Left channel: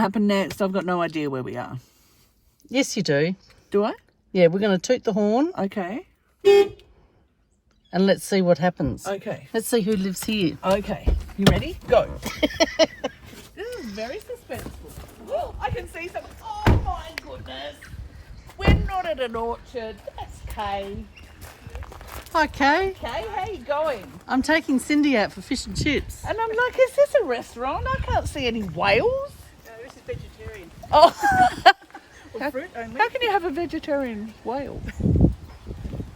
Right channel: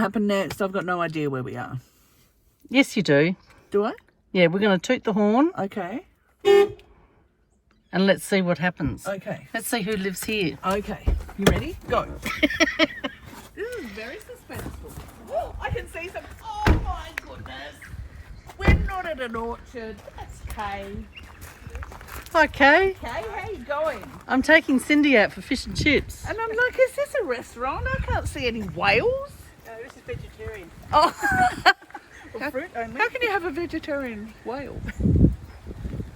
Happen next? I've got no idea where we are. Yes, you do. Do I? Yeah, we're going to toot the horn Okay. and let's see what happens. Okay. Let's see who lives here. Okay. You ready? Go. This is very suspenseful. Oh, I can see some. Oh my goodness. We're not at an orchard. That's Kay. Hi, Kay. Kay, how you going? I'm taking Cindy out for fish and chips. And I'm like, is this a restaurant? I can't see any whales. No, this is vegetarian. Oh. Or fruit only. How can you have a vegetarian whale?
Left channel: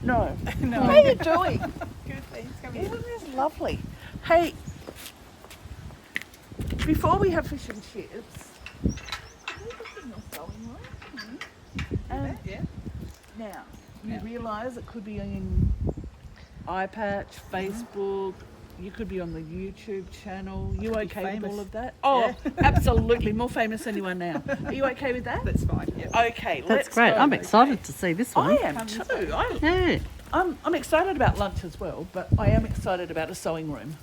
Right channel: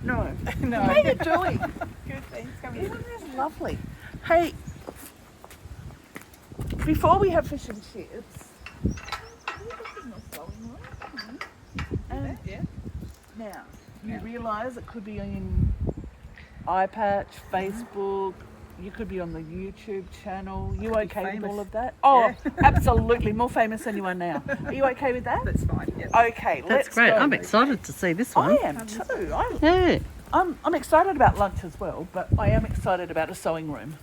No. No. How are you doing? Good, thanks. Come Isn't here. this lovely? Hey, before we have fish and chips, can we look in your sewing room? And Yeah. now, you realise it could be in iPatch, Facebook, you could be on the YouTube channel. You okay with famous. all of that? Oh, Yeah. absolutely. More famous than you are now. Are you okay with that? That's fine. Yeah. Okay, That's let's great. go. I'm excited to see this I one. am too. Yeah. I'm excited about lunch as well, but I am excited about a sewing room.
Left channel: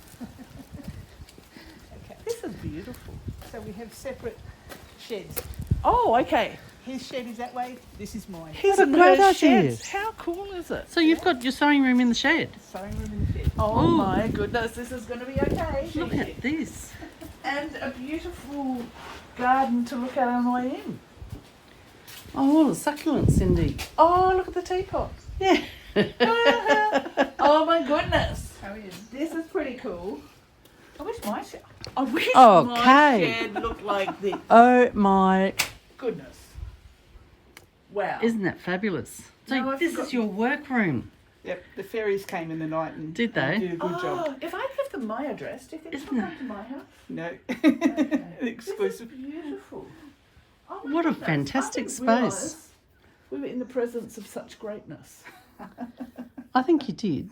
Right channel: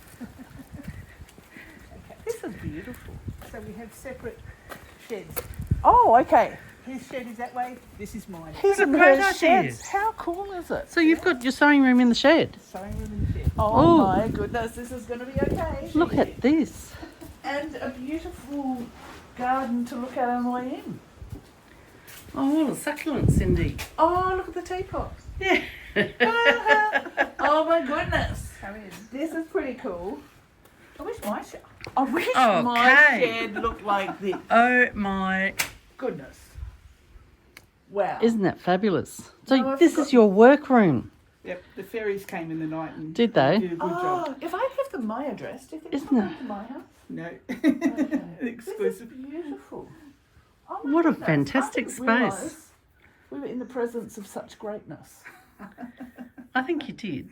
This is beautiful. So we have separate sheds. Oh, okay. His shed is that way. This is mine. His What a and great her idea. sheds. How cool is it? So you've got your sewing room in the shed. Sewing room in the shed. Oh Ooh. my goodness, this is going to be okay. Look at this. And a beautiful garden to look at on the way in. Oh, the succulent, Cindy. Oh, look at the teapot. Yeah. Oh my goodness. How is? This is pretty cool. I wish my shed. I wish Oh, my Kay. shed looked like this. Oh my, Goodness. Wow. isn't that fabulous? So No, I've this got- is your workroom. Yep. The fairies came in the night and Did they? did a good job. If I give them my address, do you think Isn't they'll it? come to my house? No. This Exclusive. is beautiful. Oh my What a goodness, fantastic I didn't space. realise we were in the presence of such greatness. I think you did.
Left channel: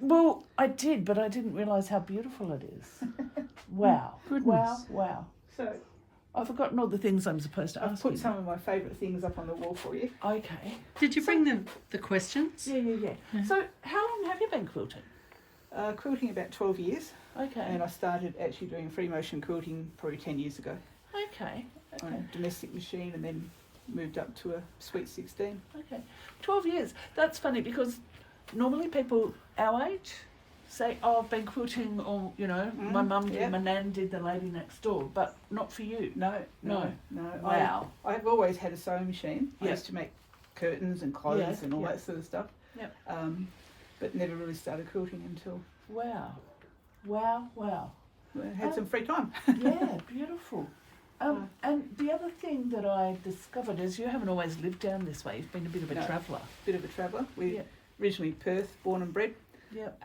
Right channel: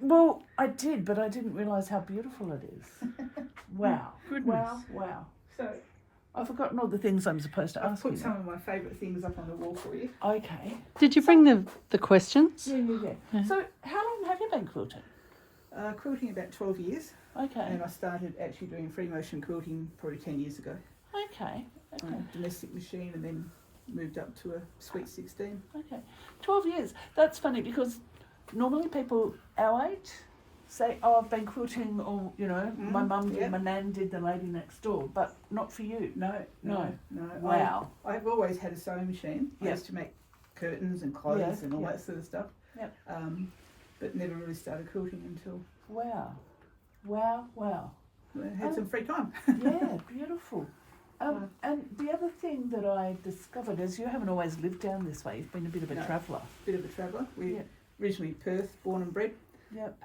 Well, I did, but I didn't realise how beautiful it is. Wow. Goodness. Wow, wow. So I've forgotten all the things I'm supposed to I've ask you. put some of my favourite things up on the wall for you. Okay. Did you bring the questions? Yeah. So how long have you been quilting? Quilting about 12 years, Okay. and I started actually doing free motion quilting probably 10 years ago. Okay. On a domestic machine, and then moved up to a Sweet 16. Okay. 12 years. That's funny because normally people our age say, oh, I've been quilting, or, you know, my mum did, yeah. my nan did, the lady next door, but not for you. No. Wow. I've always had a sewing machine. I Yep. used to make curtains and clothes Yeah, and all yeah. that sort of stuff. Yep. But never really started quilting until Wow. Wow. I had some free time. Yeah, beautiful. And the other thing that I discovered is you haven't always lived down this way. You've been a bit of a No. traveller. Bit of a traveller. We Yep. originally Perth, born and bred. Yep.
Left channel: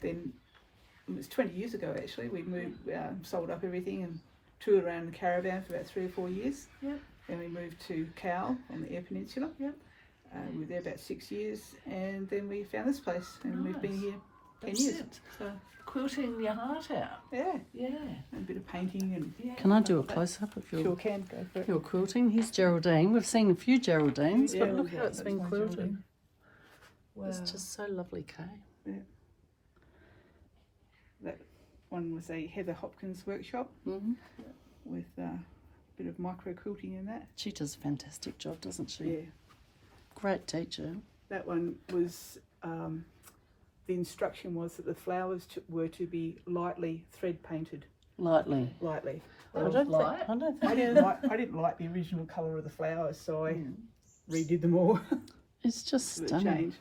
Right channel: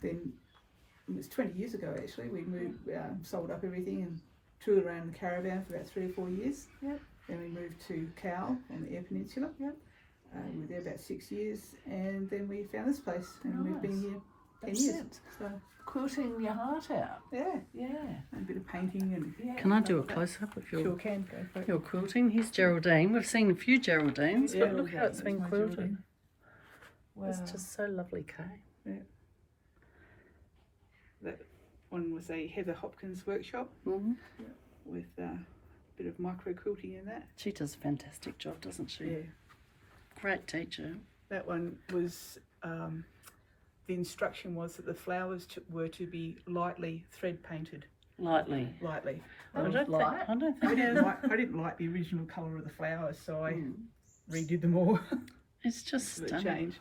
Then it was 20 years ago actually. We moved, sold up everything and toured around in the caravan for about 3 or 4 years. Yep. Then we moved to Cowell on the Eyre Peninsula. Yep. We were there about 6 years, and then we found this place, and we've been Nice. here 10 That's years. it. So Quilting your heart out. yeah, Yeah. and a bit of painting and Yeah. Can I do a close-up of sure your, can go for it. your quilting? Here's Geraldine. We've seen a few Geraldines, Yeah, but look how it's that's been my quilted. Geraldine. Wow. It's just so lovely, Kay. That one was a Heather Hopkins workshop Mm-hmm. with a bit of micro quilting in that. She does a fantastic job, doesn't she? Yeah, Great teacher. that one was. The instruction was that the flowers were to be lightly thread painted. Lightly. Lightly. That was light. I don't I think didn't like the original colour of the flowers, so I redid them all. it's just for the stunning. change.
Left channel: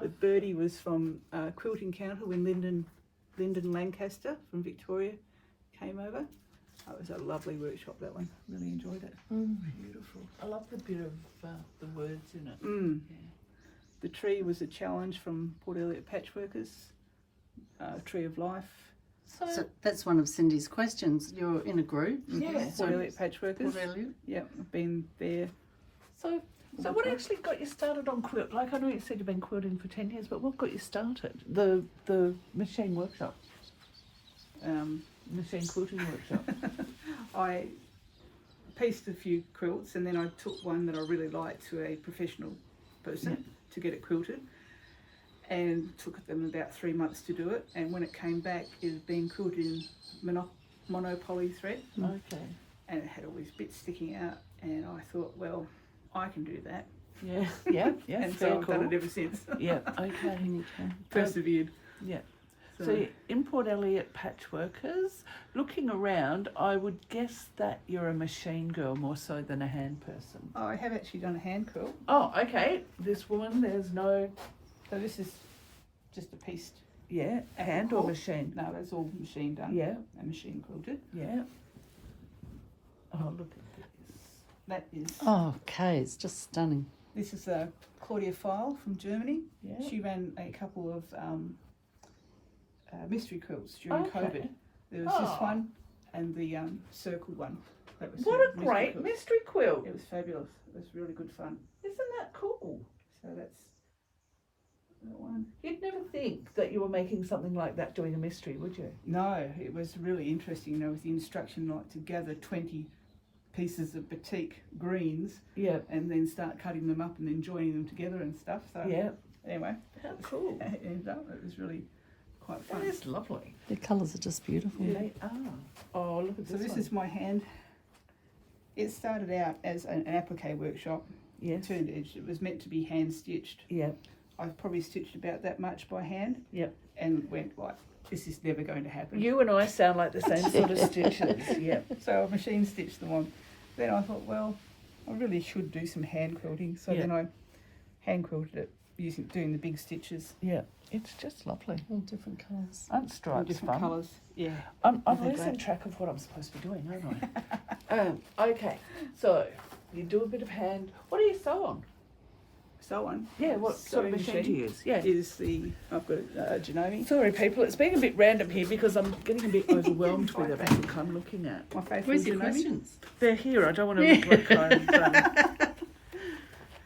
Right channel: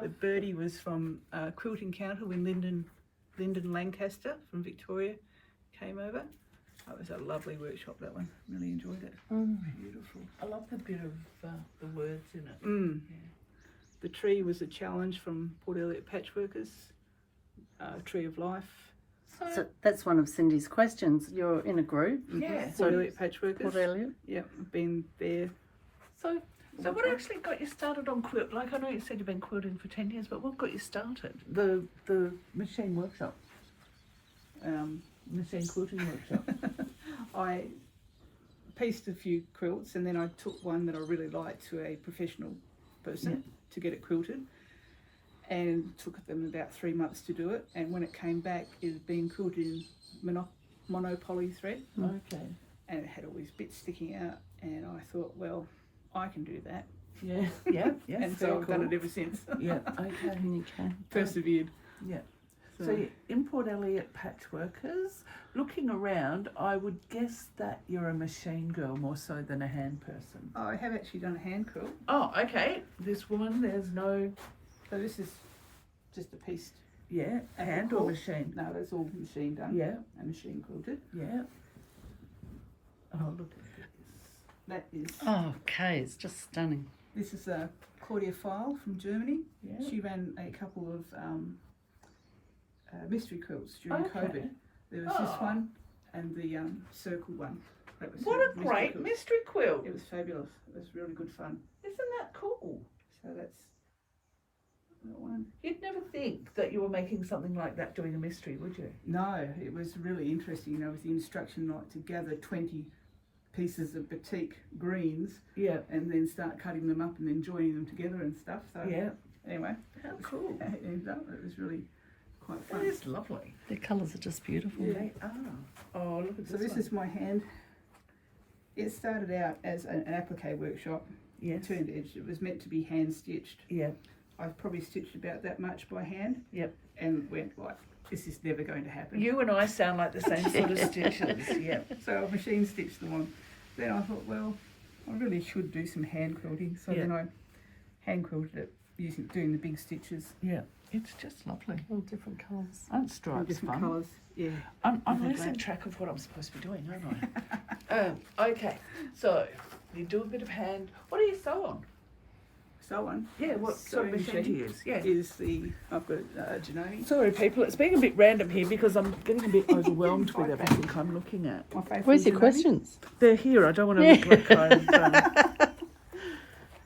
The birdie was from Quilting Counter when Lyndon Lancaster from Victoria came over. That was a lovely workshop, that one. Really enjoyed it. Beautiful. I love the bit of the words in it. Yeah. The tree was a challenge from Port Elliot Patchworkers, Tree of Life. So that's one of Cindy's questions. You're in a group, Yeah. Port So Elliot Patchworkers. Port Elliot. Yeah, I've been there. So what actually got you started on quilt? Like, I know you said you've been quilting for 10 years, but what got you started? The machine workshop. Machine quilting workshop. I pieced a few quilts, and then I took one that I really liked to a professional person to get it quilted, and took them about 3 months to do it. And when it came back, it had been quilted in monopoly thread, Okay. and it had all these bits sticking out, and I thought, well, I can do that. Yeah, yeah, yeah. And so I've done it ever since. Yeah, okay. Okay. Persevered. Yeah. So in Port Elliot Patchworkers, looking around, I would guess that you're a machine girl more so than a hand person. I have actually done a hand quilt. Oh, okay. This one, there's no, So this is just a piece. yeah, hand or machine? No, that's all machine done. Yeah, And machine quilted. yeah. Oh, look at this. That is. Oh, okay, it's just stunning. This is a Claudia File from Germany. Yeah. She ran a couple of mystery quilts during Okay. COVID. There was this one and the circle one. That was What her a great quilt. mystery quilt. It was fabulous. It was really good fun. Isn't that cool? So that's that one. You'd never think that you were making something like that doing a mystery, would you? No, it was really interesting, you know, with the instruction like to gather 20 pieces of batik greens Yeah. and then start cutting them up and then joining them together and stuff. So Yeah. anyway, How cool. it ended up, it was really quite That fun. is lovely. The colours are just beautiful. They are. Oh, look at So this one. is my hand. It started out as an applique workshop. Yes. Turned edge. It was meant to be hand stitched. Yeah. I've probably stitched about that much by hand. Yep. And went like, this is never going to happen. You and I sound like the same sort of stitches. Yeah. So I machine stitched them on. Then I thought, well, I really should do some hand quilting. So Yeah. then I hand quilted it doing the big stitches. Yeah. It's just lovely. All different colours. Aren't In stripes different fun? colours. Yeah. I'm Really losing great. track of what I'm supposed to be doing, aren't I? Okay. So you do a bit of hand. What do you sew on? So on. Yeah. What sort of Sewing machine do you use? Yeah. Is the, I've got Janome. Sorry, people. It's being a bit random here because I'm getting a bit overwhelmed with everything I'm looking at. My faithful Where's your Janome. questions? They're here. I don't want to look like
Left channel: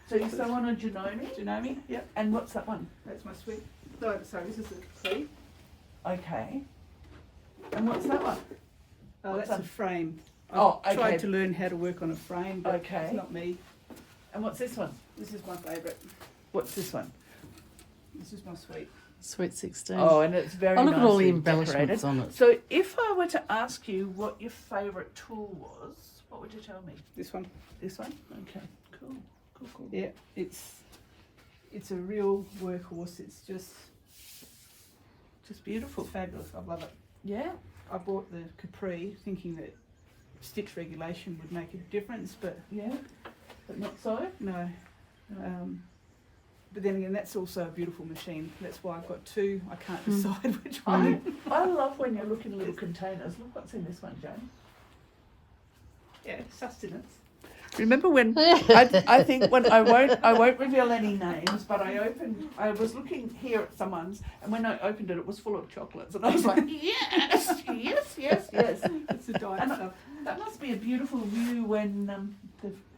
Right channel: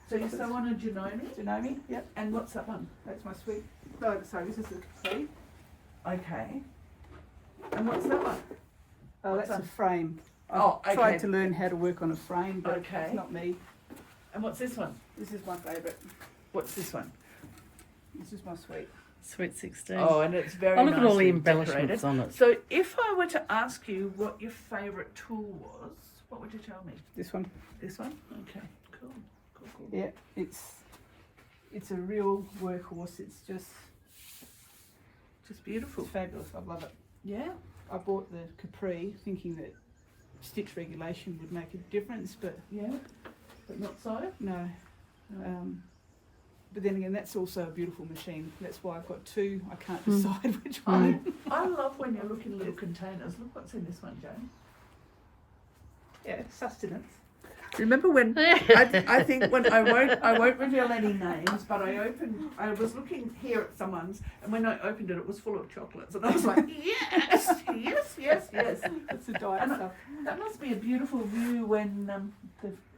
So you sew on a Janome? Janome, yep. And what's that one? That's my sweet. No, sorry, this is the sleeve. Okay. And what's that one? Oh, What's that's a that? frame. I've Oh, okay. tried to learn how to work on a frame, but Okay. it's not me. And what's this one? This is my favourite. What's this one? This is my sweet. Sweet 16. Oh, and it's very Oh, look at all the nicely embellishments decorated. on it. So if I were to ask you what your favourite tool was, what would you tell me? This one. This one? Okay, cool. Cool, cool. Yeah, it's a real workhorse. It's just Beautiful. fabulous. I love it. Yeah? I bought the Capri thinking that stitch regulation would make a difference, but Yeah? But not so? no. But then again, that's also a beautiful machine. That's why I've got two. I can't decide which one. I love when you look in little containers. Look what's in this one, Jane. Yeah, sustenance. Remember when I think when I won't reveal any names, but I was looking here at someone's, and when I opened it, it was full of chocolates, and I was like, yes, yes, yes, yes. It's the diet And stuff. that must be a beautiful view when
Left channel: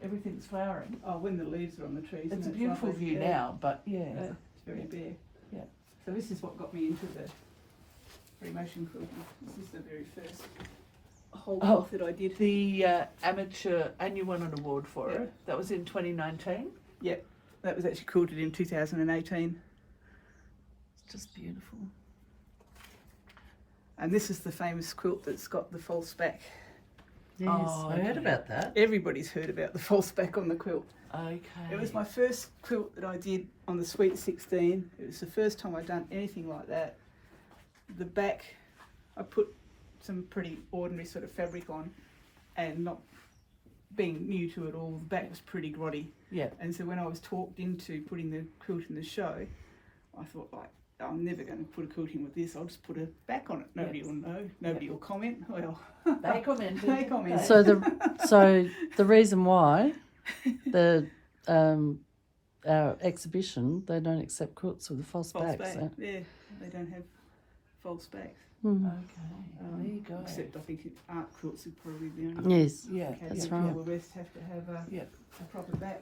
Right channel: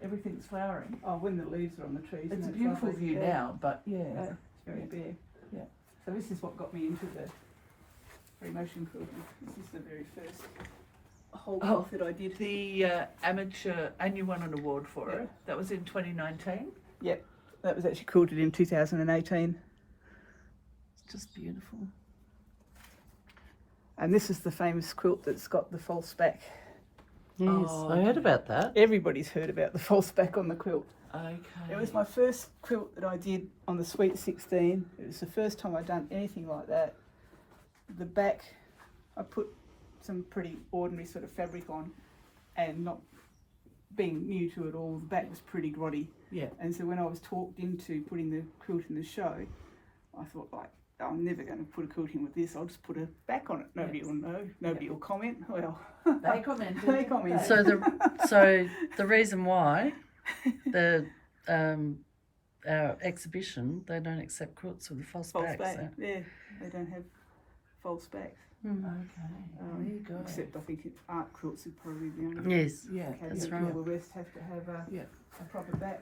everything's flowering. Oh, when the leaves are on the trees. It's a and beautiful lovely. view Yeah. now, but yeah. It's very bare. Yeah. So this is what got me into the free motion quilting. This is the very first whole cloth that I did. The amateur, and you won an award for Yeah. it. That was in 2019. Yep, that was actually quilted in 2018. It's just beautiful. And this is the famous quilt that's got the false back. Yes, Oh, I heard okay. about that. Everybody's heard about the false back on the quilt. Okay. It was my first quilt that I did on the Sweet 16. It was the first time I'd done anything like that. The back, I put some pretty ordinary sort of fabric on, and not being new to it all, the back was pretty grotty. Yeah. And so when I was talked into putting the quilt in the show, I thought, like, I'm never going to put a quilt in with this. I'll just put a back on it. Nobody will know. Nobody will comment. Well, They commented. They commented. So the reason why the our exhibition, they don't accept quilts with a false false back. back. So. Yeah, they don't have false backs. Okay. There you go. Except I think art quilts are probably the only Yes. Yeah. That's all right. the rest have to have Yeah. a proper back.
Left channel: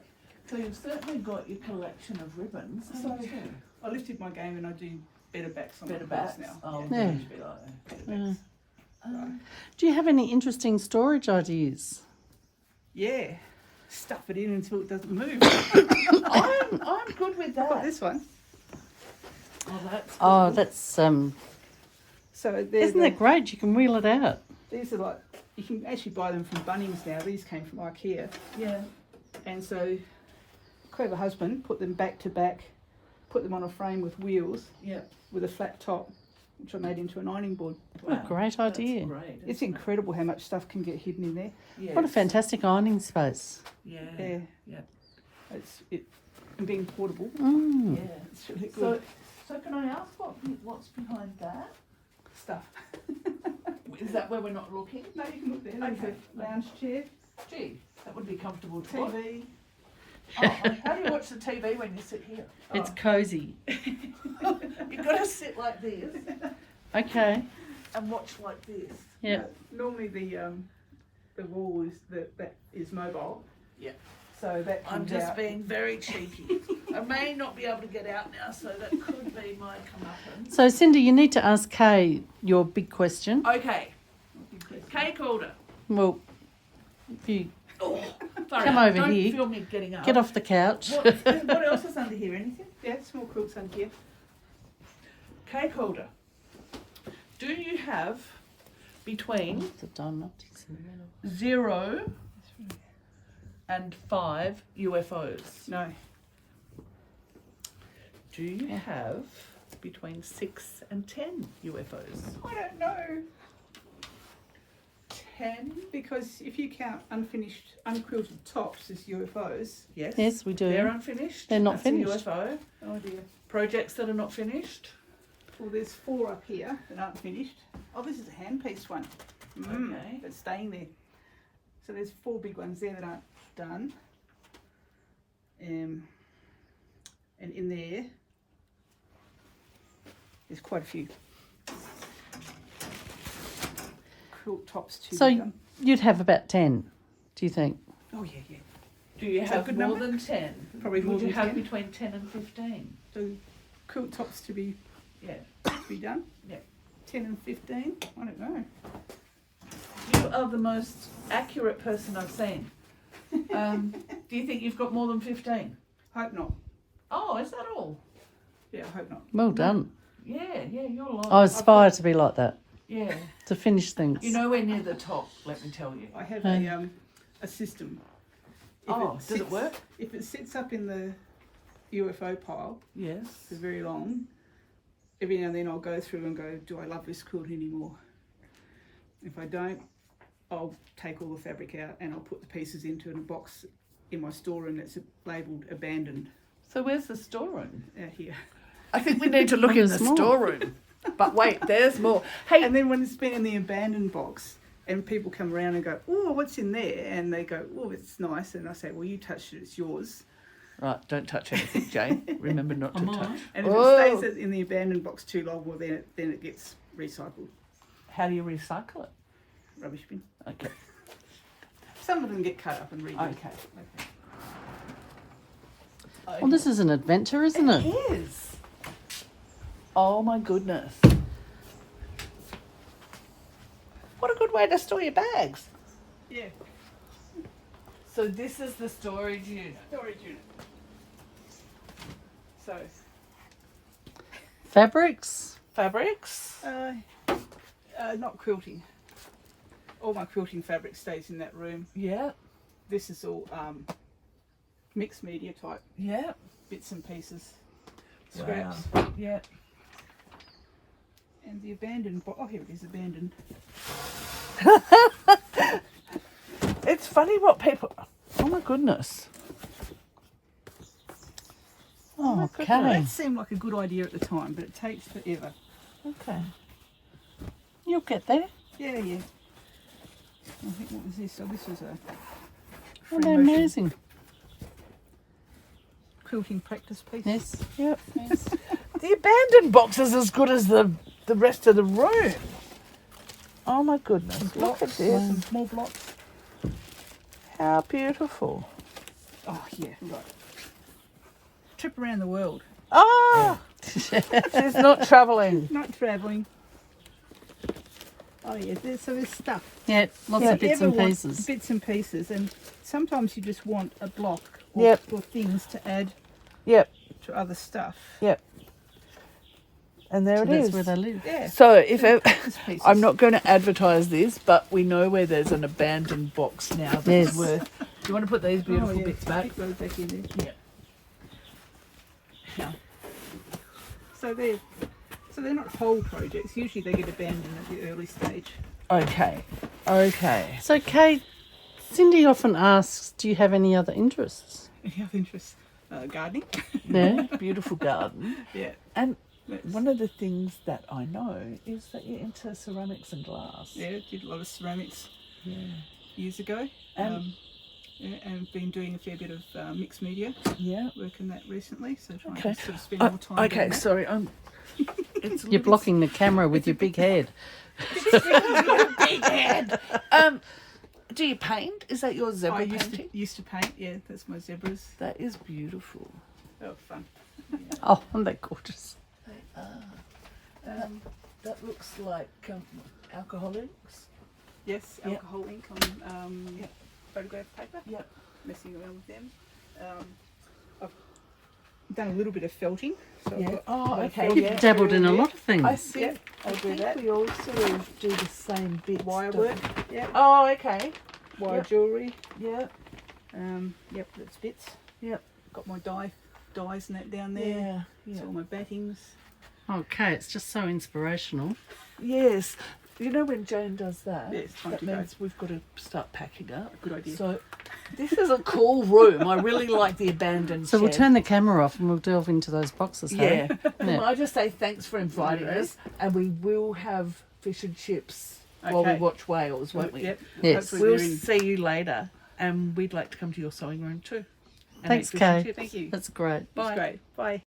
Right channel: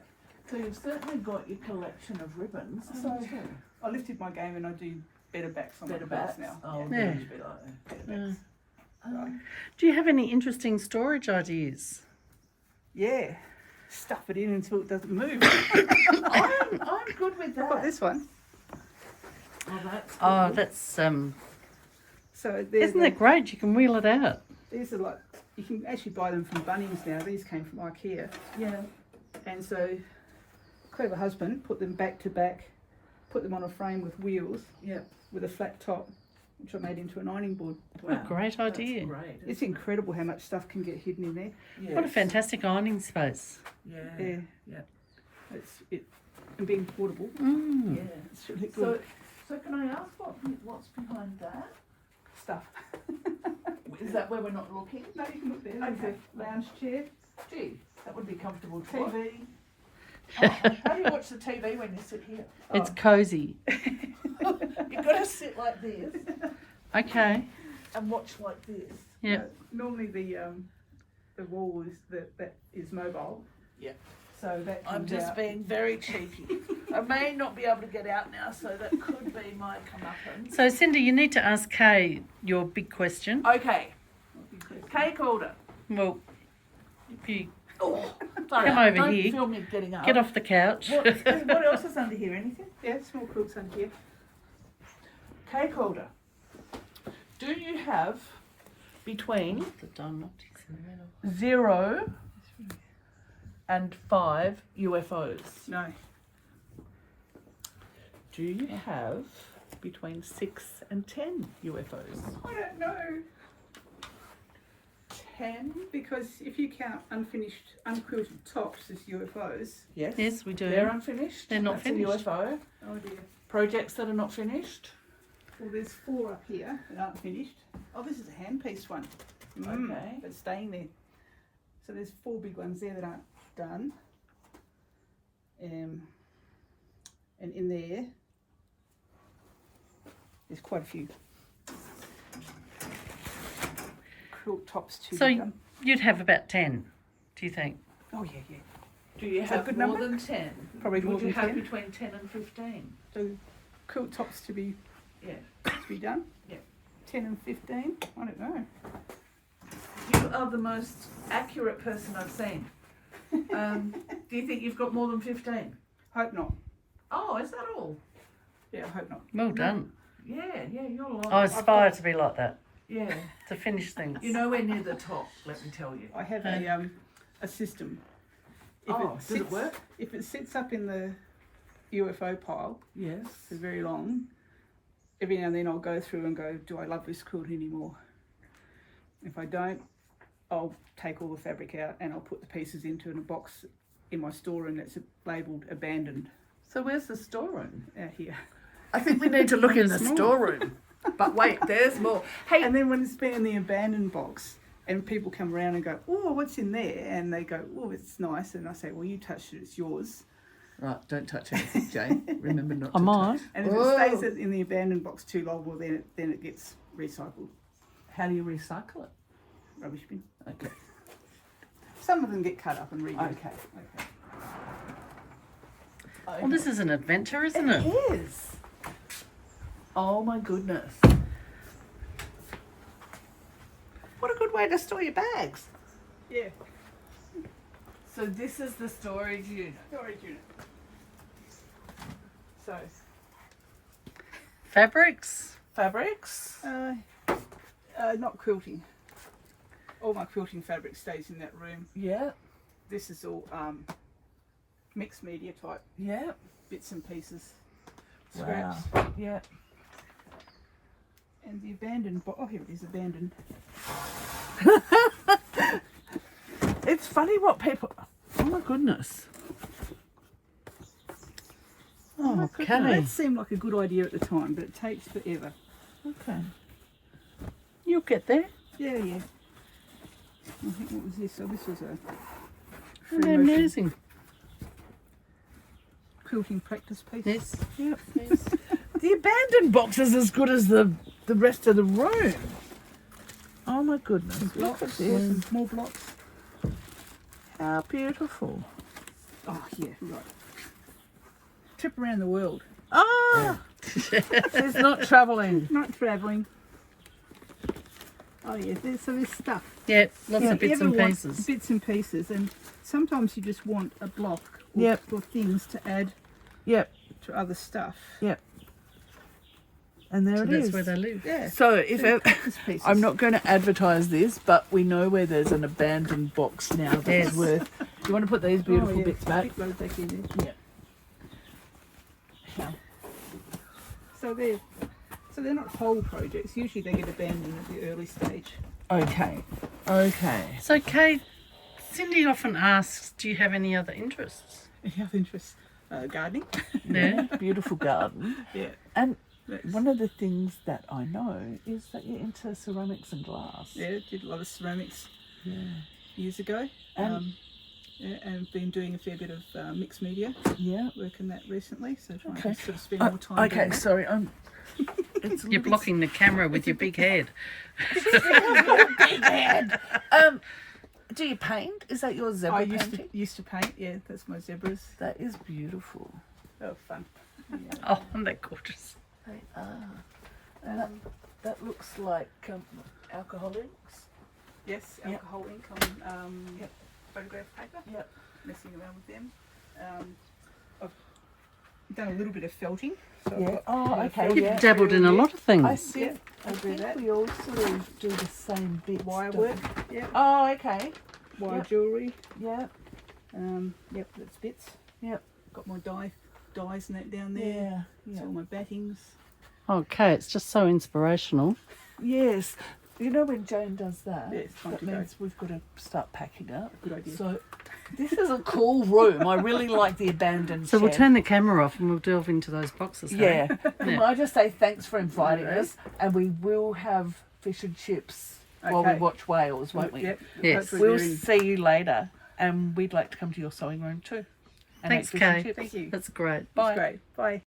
So you've certainly got your collection of ribbons. So I lifted my game and I do better backs on Better my quilts backs now. Oh, Yeah. much better. Better backs. Do you have any interesting storage ideas? Yeah, stuff it in until it doesn't move. I'm good with I've that. got this one. Oh, that's Oh, good. that's So isn't that great? You can wheel it out. these are like you can actually buy them from Bunnings now. These came from IKEA. Yeah. And so, clever husband put them back to back, put them on a frame with wheels Yeah. with a flat top, which I made into an ironing board. What a great That's idea. great. It's incredible how much stuff can get hidden in there. Yes. What a fantastic ironing space. Yeah. Yeah. Yeah. And being portable. Mm. Yeah. It's really So, good so can I ask what's behind that? stuff. Is that where we're not looking? No, you can look there. There's Okay. a lounge chair, Gee, that would be comfortable to watch. TV. Oh, how do you watch the TV when you sit here? It's cosy. You've got to sit like this Okay. and watch like this. Yeah. Normally the wall that is mobile. Yeah. So that I'm comes just out. being very cheeky. I may not be able to get out now, so that could be my comeuppance. So, Cindy, you need to ask Kay your big question. Okay, Kay Calder. Well, if you Oh, sorry, Come over don't here. feel me getting up. get off the couch. What else is under here? Anything? Yeah, small quilts under here. Kay Calder. Do you have between The Dunlop's in the middle. 0 and 5 UFOs? No. Do you have between 6 and 10 UFOs? I don't know. 10? Because if you count unfinished, unquilted tops as UFOs, Yes. Yes, we do. They're unfinished. They're not That's finished. A UFO. oh dear. Projects that are not finished. Well, there's 4 up here that aren't finished. Oh, this is a hand-pieced one. Okay. That's staying there. So there's 4 big ones there that aren't done. And in there's quite a few. Quilt tops to So be done. you'd have about 10, do you think? Oh yeah, yeah. Do you Is that a have good more number? than 10? Probably more Would you than have 10. between 10 and 15? So quilt tops to be Yeah. done. Yeah. 10 and 15. I don't know. You are the most accurate person I've seen. Do you think you've got more than 15? Hope not. Oh, is that all? Yeah, I hope not. Well done. Yeah, you're lying. I aspire got- to be like that, Yeah. to finish things. You're nowhere near the top, let me tell you. I have a system. Does it work? If it sits up in the UFO pile Yes. for very long, every now and then I'll go through and go, do I love this quilt anymore? If I don't, I'll take all the fabric out and I'll put the pieces into a box in my storeroom that's labelled abandoned So where's the storeroom? out here. I think we need to look in the Small. storeroom. But wait, there's more. Hey, And then when it's been in the abandoned box and people come around and go, oh, what's in there? And they go, oh, it's nice. And I say, well, you touched it, it's yours. right, don't touch anything, Jane. Remember not I to might. touch. And if Whoa. it stays in the abandoned box too long, well, then it gets recycled. How do you recycle it? Rubbish bin. Okay. Some of them get cut up and reused. Okay. Well, this is an adventure, isn't it? It is. Oh my goodness. What a good way to store your bags. Yeah. So this is the storage unit. Storage unit. So, Fabrics. Fabrics. not quilting. All my quilting fabric stays in that room. Yeah. This is all mixed media type Yeah. bits and pieces, Wow. scraps. Yeah. And the abandoned box. Oh, here it is, abandoned. It's funny what people. Oh my goodness. Oh, okay. That seemed like a good idea at the time, but it takes forever. Okay. You'll get there. Yeah, yeah. I think what was this? So this was a Isn't that free motion amazing? quilting practice piece. Yes. Yep. Yes. The abandoned box is as good as the rest of the room. Oh my goodness. Look at Blocks, this. some more blocks. How beautiful. Oh yeah, right. Trip around the world. Oh, she's not travelling. Not travelling. Oh yeah, there's stuff. Yeah, lots Yeah, of you bits ever and want pieces. Bits and pieces, and sometimes you just want a block or, Yep. or things to add Yep. to other stuff. Yep. And there So it that's is. where they live. Yeah. So if Just pieces. I'm not going to advertise this, but we know where there's an abandoned box now that's Yes. worth. Do you want to put these beautiful Oh, yeah. bits back? Keep those back in there. Yeah. Yeah. So they're not whole projects. Usually they get abandoned at the early stage. Okay. Okay. So, Kay, Cindy often asks, do you have any other interests? If you have interest, gardening. Yeah. Beautiful garden. Yeah. And That's- one of the things that I know is that you're into ceramics and glass. Yeah, did a lot of ceramics Yeah. years ago. And Yeah, and been doing a fair bit of mixed media yeah. work in that recently. So trying Okay. to sort of spend more time. Okay. doing that. Sorry. It's a You're little blocking the camera with your big head. big head. Do you paint? Is that your zebra I painting? used to paint. Yeah, that's my zebras. That is beautiful. They were fun. Oh, aren't they gorgeous? They are. That looks like alcoholics. Yes, Yep. alcohol ink on Yep. photograph paper. Yep. Messing around with them. I've done a little bit of felting. So I've Yeah. got Oh, my okay. felting Yeah. Dabbled in a lot of I things. think, I'll I do think that. we all sort of do the same bits. Wire don't work. we? Yep. Oh, okay. Wire Yep. jewellery. Yeah. Yep, that's bits. Yep. Got my dies and that down there. Yeah. It's Yeah. all my battings. Okay, it's just so inspirational. Yes. You know when Jane does that, Yeah, it's time that to go. means we've got to start packing up. Good idea. So this is a cool room. I really like the abandoned So we'll shed. turn the camera off and we'll delve into those boxes. Harry. Yeah. Can I just say thanks for inviting Alright. us, and we will have fish and chips while we Okay. watch whales, won't we? Yep. Yes. Hopefully We'll they're in. see you later, and we'd like to come to your sewing room too. And Thanks, eat fish and Kay. chips. Thank you. That's great. Bye. That's great. Bye.